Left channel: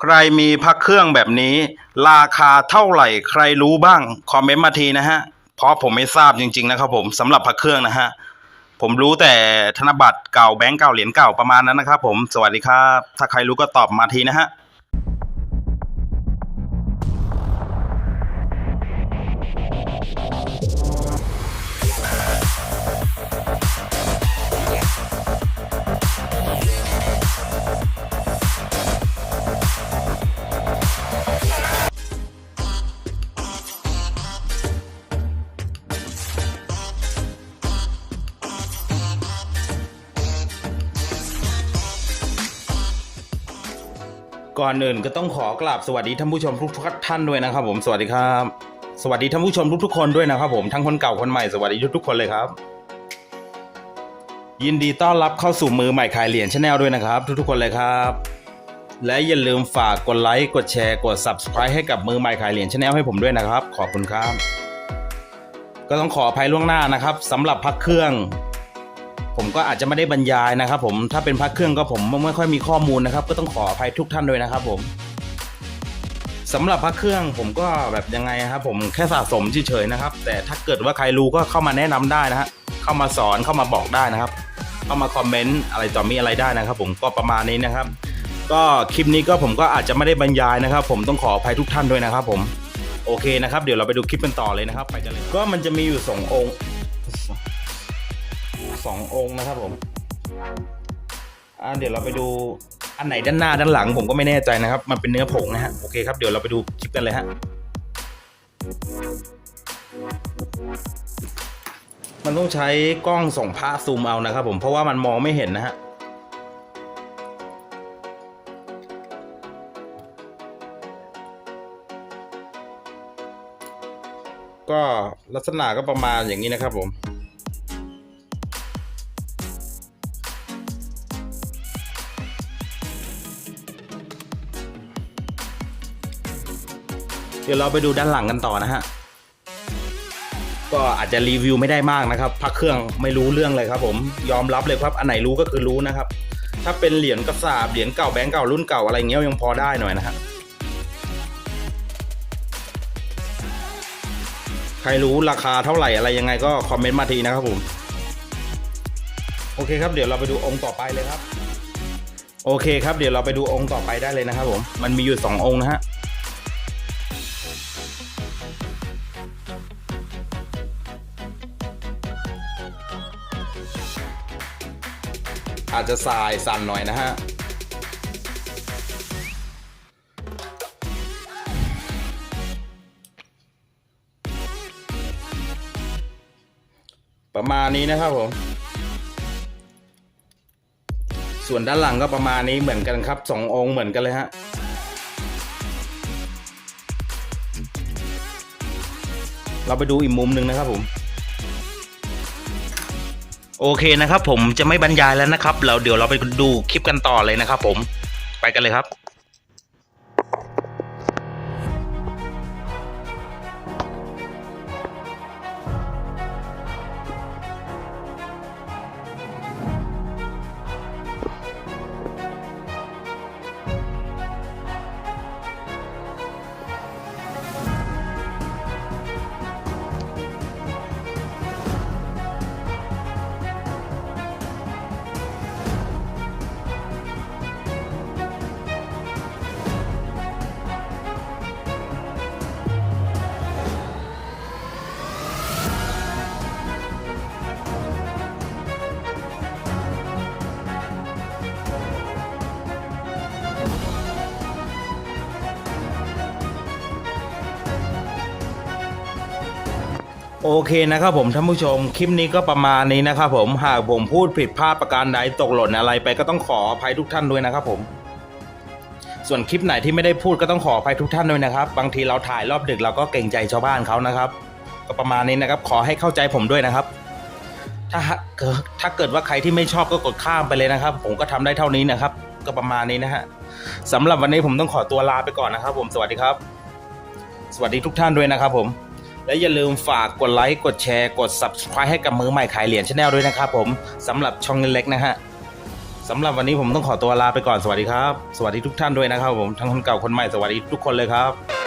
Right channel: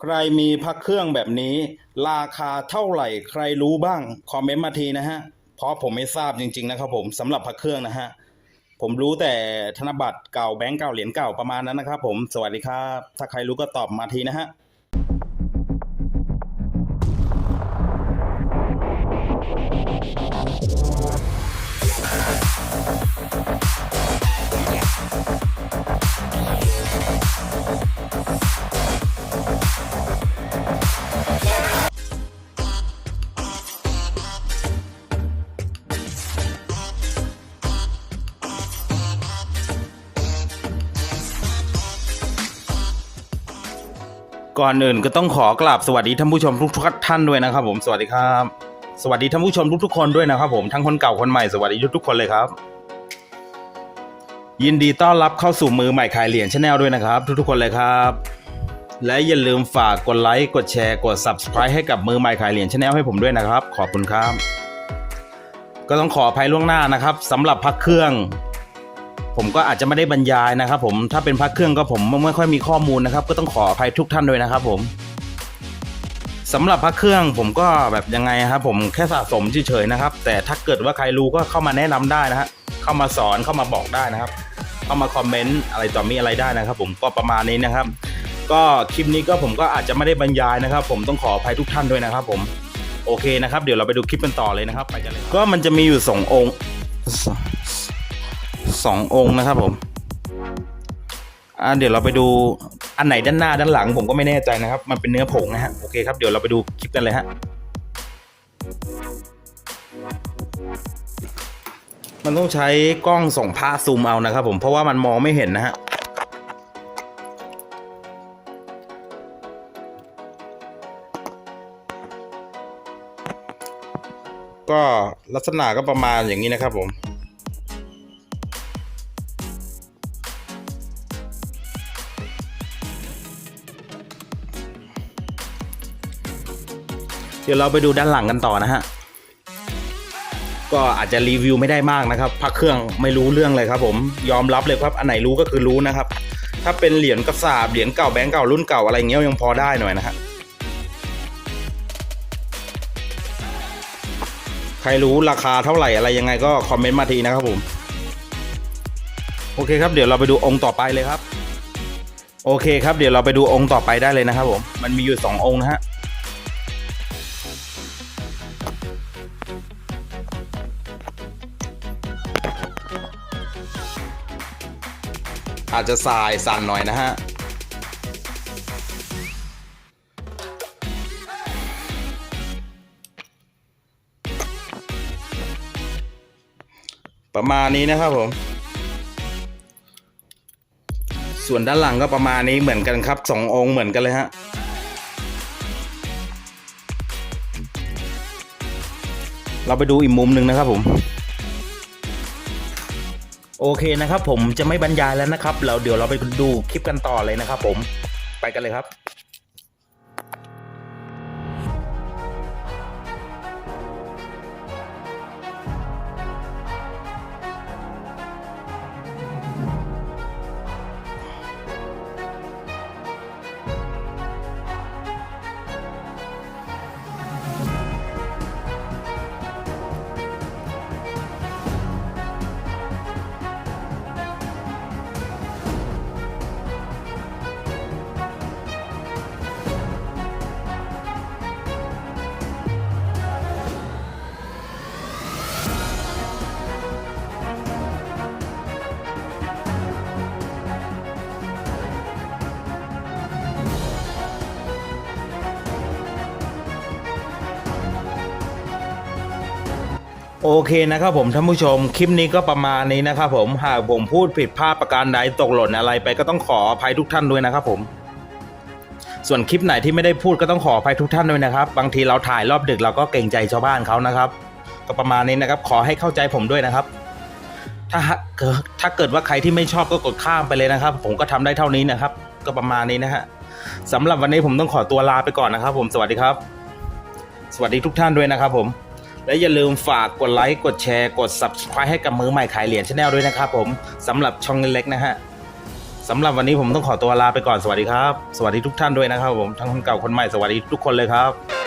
ใครมีพักเครื่องแบบนี้ ราคาเท่าไหร่ใครรู้บ้างคอมเมนต์มาทีนะฮะเพราะผมไม่ทราบจริง ๆ นะครับผมสำหรับพักเครื่องนะฮะผมรู้แต่ธนบัตรเก่าแบงก์เก่าเหรียญเก่าประมาณนั้นนะครับผมสวัสดีครับ ถ้าใครรู้ก็ตอบมาทีนะฮะ ก่อนอื่นก็ต้องขอกราบสวัสดีท่านผู้ชมทุกๆท่านด้วยนะครับ ผมสวัสดีครับ สวัสดีท่านผู้ชมทุกๆคนด้วยนะครับ ผมทั้งคนเก่าคนใหม่สวัสดีทุกๆคนเลยครับ ยินดีต้อนรับเข้าสู่มือใหม่ขายเหรียญชาแนลด้วยนะครับ ทุกๆคนเลยครับ และอย่าลืมฝากกดไลค์กดแชร์กด subscribe ให้กับมือใหม่ขายเหรียญชาแนลให้ผมด้วยนะครับ ขอบคุณครับ ก็ต้องขออภัยล่วงหน้านะครับสำหรับพักเครื่อง ผมก็อาจจะไม่ได้บรรยายนะครับผมถ้าเป็นพักเครื่องก็ผมไม่ค่อยมีข้อมูลนะครับ ก็ต้องขออภัยทุกท่านด้วยนะครับผมสำหรับพักเครื่องผมก็แบบยังไงครับ ผมแค่สะสมเฉยๆนะครับ แต่ถ้าเกิดว่าใครรู้ก็เข้ามาแนะนำได้นะฮะเข้ามาสอนเข้ามาบอกได้นะครับ เข้ามาคอมเมนต์อะไรต่อมีอะไรได้นะครับ ผมก็ประมาณนี้นะครับ ก็คลิปนี้ก็ผมก็อาจจะไม่ได้บรรยายนะครับ ผมต้องขออภัยทุกท่านด้วยนะครับ ผมโอเคนะครับ เดี๋ยวเราไปดูคลิปกันต่อเลยนะครับ ก็มันจะมีอยู่สององค์ สององค์นะครับผมอ่าเดี๋ยวเราไปดูอันไหนด้านหน้าด้านหลังผมก็ไม่แน่ใจนะครับ มันเป็นเนื้อผงนะฮะโอเคครับเดี๋ยวเราไปดูคลิปกันเลยฮะมันต้องใช้กล้องส่องผ้าซูมเอานะครับผมเพราะว่ามันมองไม่เห็นนะฮะก็ลักษณะก็ประมาณอย่างนี้นะครับผม ดี๋ยวเราไปดูด้านหลังกันต่อนะฮะ ก็อาจจะรีวิวไม่ได้มากนะครับพักเครื่องไม่รู้เรื่องเลยครับผมยอมรับเลยครับอันไหนรู้ก็คือรู้นะครับ ถ้าเป็นเหรียญกระสาบเหรียญเก่าแบงก์เก่ารุ่นเก่าอะไรเงี้ยยังพอได้หน่อยนะฮะใครรู้ราคาเท่าไหร่อะไรยังไงก็คอมเมนต์มาทีนะครับผมโอเคครับเดี๋ยวเราไปดูองค์ต่อไปเลยครับ โอเคครับเดี๋ยวเราไปดูองค์ต่อไปได้เลยนะครับผมมันมีอยู่สององค์นะฮะ จจะสายสั่นหน่อยนะฮะประมาณนี้นะครับผม ส่วนด้านหลังก็ประมาณนี้เหมือนกันครับสององค์เหมือนกันเลยฮะเราไปดูอีกมุมหนึ่งนะครับผม โอเคนะครับผมจะไม่บรรยายแล้วนะครับ เราเดี๋ยวเราไปดูคลิปกันต่อเลยนะครับผมไปกันเลยครับ โอเคนะครับผมท่านผู้ชมคลิปนี้ก็ประมาณนี้นะครับผมหากผมพูดผิดพลาดประการใดตกหล่นอะไรไปก็ต้องขออภัยทุกท่านด้วยนะครับผมส่วนคลิปไหนที่ไม่ได้พูดก็ต้องขออภัยทุกท่านด้วยนะครับ บางทีเราถ่ายรอบดึกเราก็เกรงใจชาวบ้านเขานะครับ ก็ประมาณนี้นะครับขอให้เข้าใจผมด้วยนะครับ ถ้าถ้าเกิดว่าใครที่ไม่ชอบก็กดข้ามไปเลยนะครับ ผมก็ทำได้เท่านี้นะครับ ก็ประมาณนี้นะฮะสำหรับวันนี้ผมต้องขอตัวลาไปก่อนนะครับ ผมสวัสดีครับ สวัสดีทุกท่านด้วยนะครับผม และอย่าลืมฝากกดไลค์กดแชร์กด subscribe ให้กับมือใหม่ขายเหรียญชาแนลด้วยนะครับผมสำหรับช่องเล็กนะฮะสำหรับวันนี้ผมต้องขอตัวลาไปก่อนสวัสดีครับ สวัสดีทุกท่านด้วยนะครับผมทั้งคนเก่าคนใหม่สวัสดีทุกคนเลยครับ